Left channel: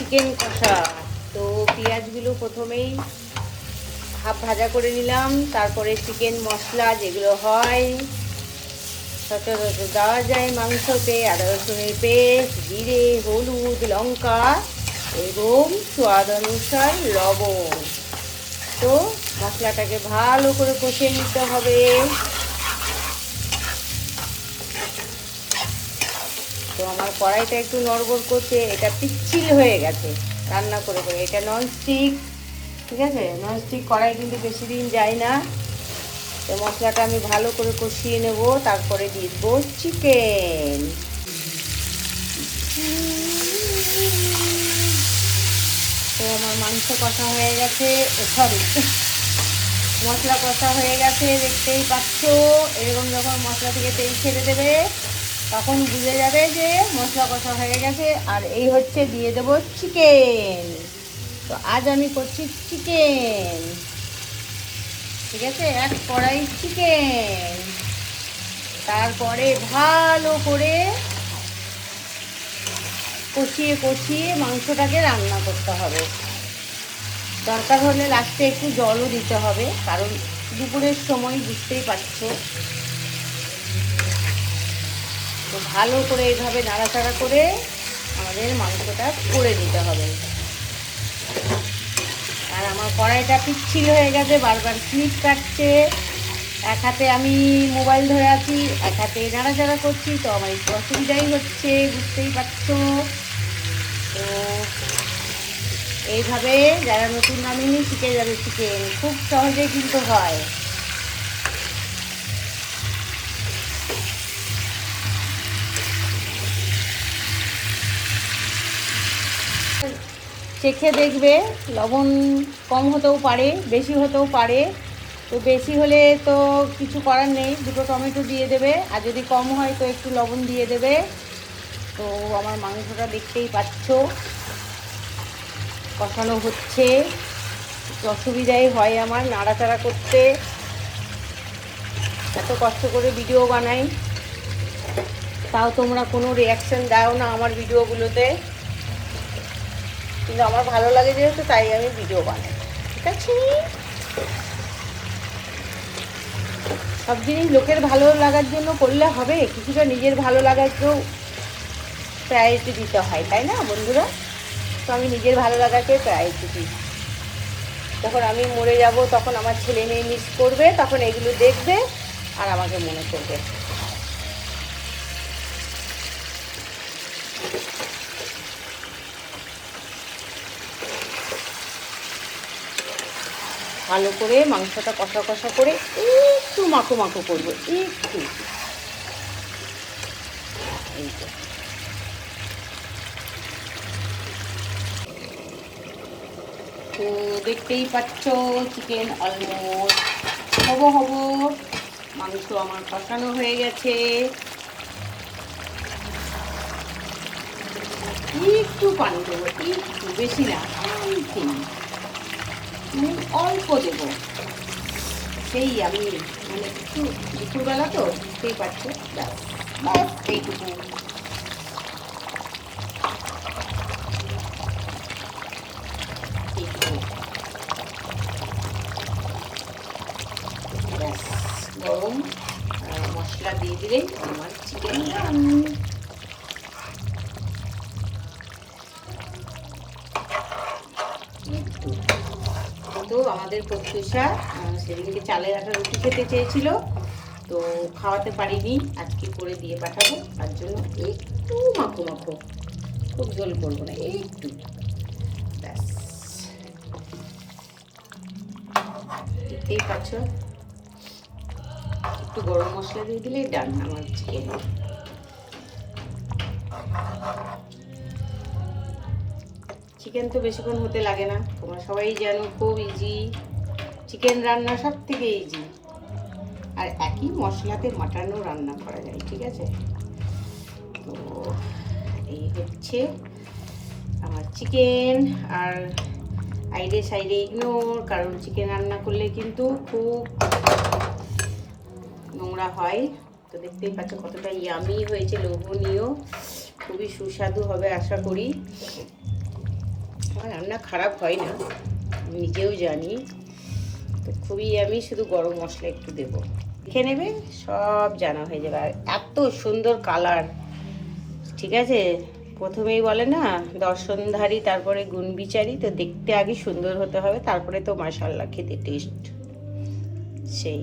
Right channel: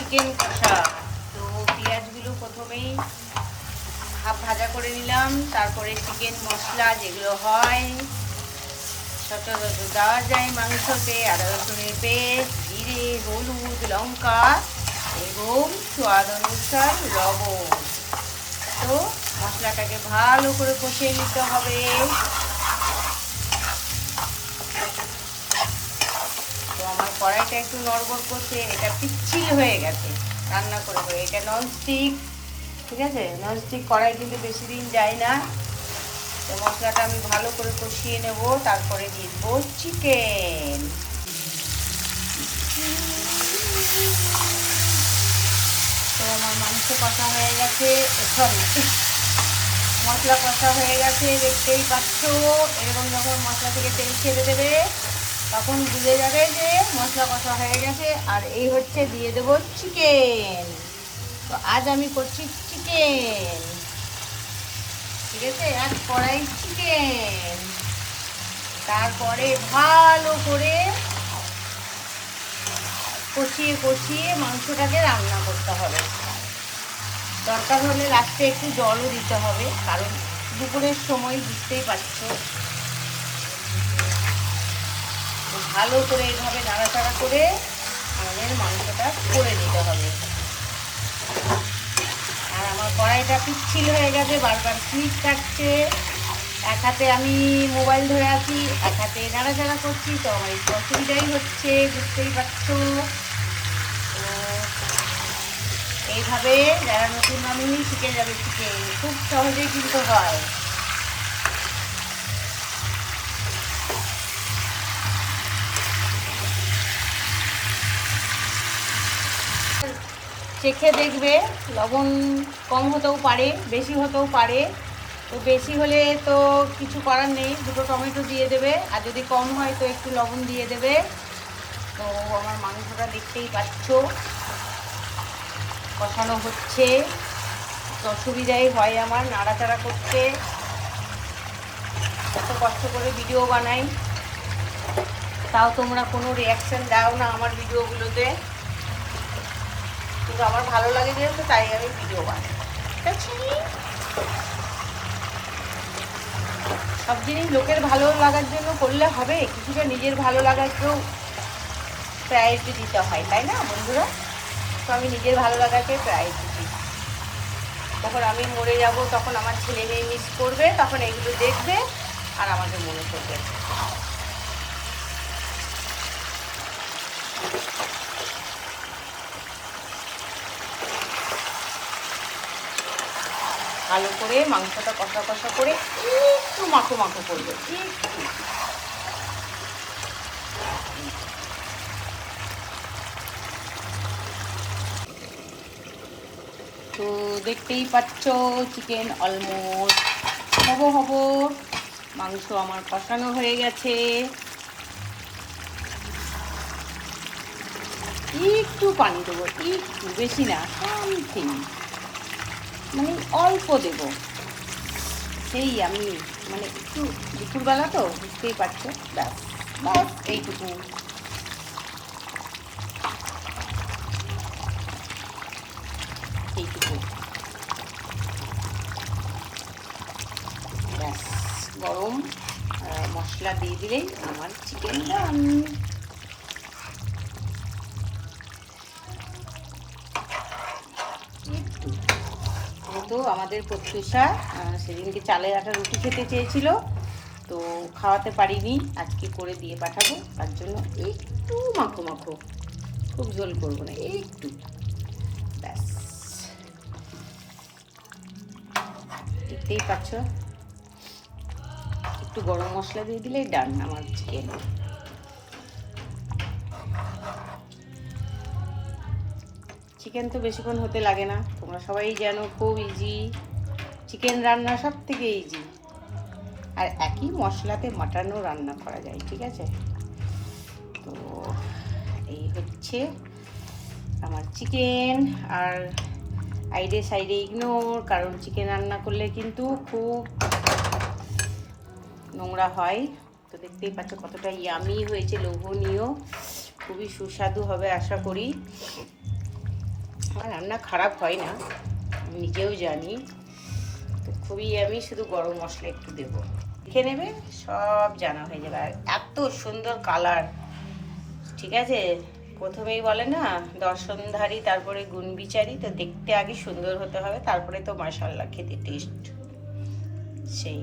Chicken কষা তো পেঁয়াজগুলো প্রথমেই হাফ ভাজা করে নিলাম, তারপরে চিকেন মশলা যেগুলো হয় সচরাচর দেওয়া যায় মাংসতে আদা, রসুনের পেস্ট, জিরে, হলুদ, লঙ্কা, এবং স্বাদ অনুসার লবণ। তো মশলাটাকে ভালো করে কষে নিতে হবে তো আমার কড়াইটা একটু নড়বড় করছে, এটা পিচ্ছিল হয়ে গেছে। রান্না করে করে এটা ননস্টিক ঠিক আছে? ননস্টিক কড়াই কিন্তু বেশি দিন যায় না। তো মশলাটা আমি ভালো করে কষিয়ে নেব, তারপরে দিয়ে চিকেন আমার মাংস কষা হয়ে গেছে। সরি মশলা কষা হয়ে গেছে, দেখতেই পাচ্ছ? এরকম যখন মশলা থেকে তেল ছেড়ে দেবে, তখন বুঝে যাবে যে মশলা কষা হয়ে গেছে, আর এই হচ্ছে দিয়ে দেবো চিকেন তো আজ আমি করছি চিকেন ঠিক আছে এক কড়াই চিকেন তারপরে ভালো করে কষিয়ে কষিয়ে মাংসটাকে রান্না করতে হবে। দরকার হলে লাস্টে একটু জলও দিতে হবে, কারণ দুপুরের সময় বুঝতেই পারছ। ভালো করে এইভাবে নাড়াচাড়া করে আমাদের মাংসটা করে দিতে হবে। আর আমার কড়াইটা পিচ্ছিল হয়ে গেছে, বারবার স্লিপ কাটছে। এক হাতে আমি মোবাইল ধরে আছি, এক হাতে নাড়াচাড়া করছি, তো আমার একটু অসুবিধাই হচ্ছে, বুঝতেই পারছ? তো এইভাবে যারা নতুন নামিয়ে শিখে যাবে, শিখে খুব সহজে কিন্তু হয়। চেখে দেখবে, লবণ কম হতেও পারে, বেশি হতেও পারে। তো বেশি হলে তো কিছু করার নেই, দুটো টমেটো দিয়ে দেবে। আর যদি কম হয় তো একটু লবণ দিয়ে দেবে। তো আমার মাংসটা দেখতেই পাচ্ছ। কখনো হচ্ছে। অসুবিধাই হয় আমার নাড়াচাড়া করতে। এত কষ্ট করে ভিডিও বানাই। তাও তোমরা কোনো রিয়াকশন দাও না আমার ভিডিওগুলোতে। কিন্তু আমার ভালো লাগে যেহেতু তাই আমি ভিডিও বানাই। সব জিনিস লোকের ভালো লাগার জন্য করলে হবে, কিছুটা নিজের ভালো লাগাকেও প্রায়োরিটি দিতে হয়, তাই না বন্ধুরা? তো আমি নিজের ভালো লাগাকে প্রায়োরিটি দিই। তখন আমি মরে যাব, তখন আমার ছেলে মেয়ে মিস করবে, তখন এগুলো দেখবে আর আমাকে মনে করবে। ভালো করে মাংসটা কষা কষা করে একটু মাখো মাখো করবে, একটু। তো দেখতেই পাচ্ছ চিকেন অলমোস্ট হব হব। মাংস আমার কষানো হয়ে গেছে। একটু পানি দেবো, একটু, বেশি না অল্পই মানে অল্প দেবো। সেই আমি মানে একটু দুপুরবেলা তো বুঝতেই পারছ, ব্যাস এইটুকু। গরম মশলা দিয়ে দিলেই আমার চিকেন রান আমাদের প্রত্যুষা সেদিনকে চালের আটা রুটি খেতে চেয়েছিল। তো খাওয়াতে পারিনি, আজকে করে দিয়ে পাঠাবো। তার জন্য একটু মাখো মাখো, খুব জল করব না, একটু। ব্যাস। দেখতেই পাচ্ছ, একটু গরম মশলা দিয়ে দিলেই ডান আমার চিকেন চিকেন তো বেশিক্ষণ হতে লাগে না। তোমরা সবাই জানো, খুব ইজি চিকেন রান্না সব থেকে ইজি আর একই মশলাতে মাটনও রান্না করা যায়, ঠিক আছে? তো এই হচ্ছে আমার চিকেন আর আইডে সাইডে ইগনোর কারণ চিকেন রান্না করলে কিন্তু খুব নোংরা হয়। তো দেখতেই পাচ্ছ কতটা ইয়ামি হয়েছে, লোভনীয়। খুবই সুস্বাদু হবে, আশা করি। আর রান্না খারাপ হয় না নিজেও জানি। তো খুবই আমি শুধু গরম মশলা একটু দেবো। দেখে নেবে, সব জানা হয়ে যাবে। আর এত সুন্দর কালার ঠিক আছে? প্রথমেই বলে না, দর্শনধারী, তারপরে গুণ বিচারী তো দেখতে আগে সুন্দর হতে হবে, তারপরে তো মাসাল্লাহ খেতে টেস্ট সেই।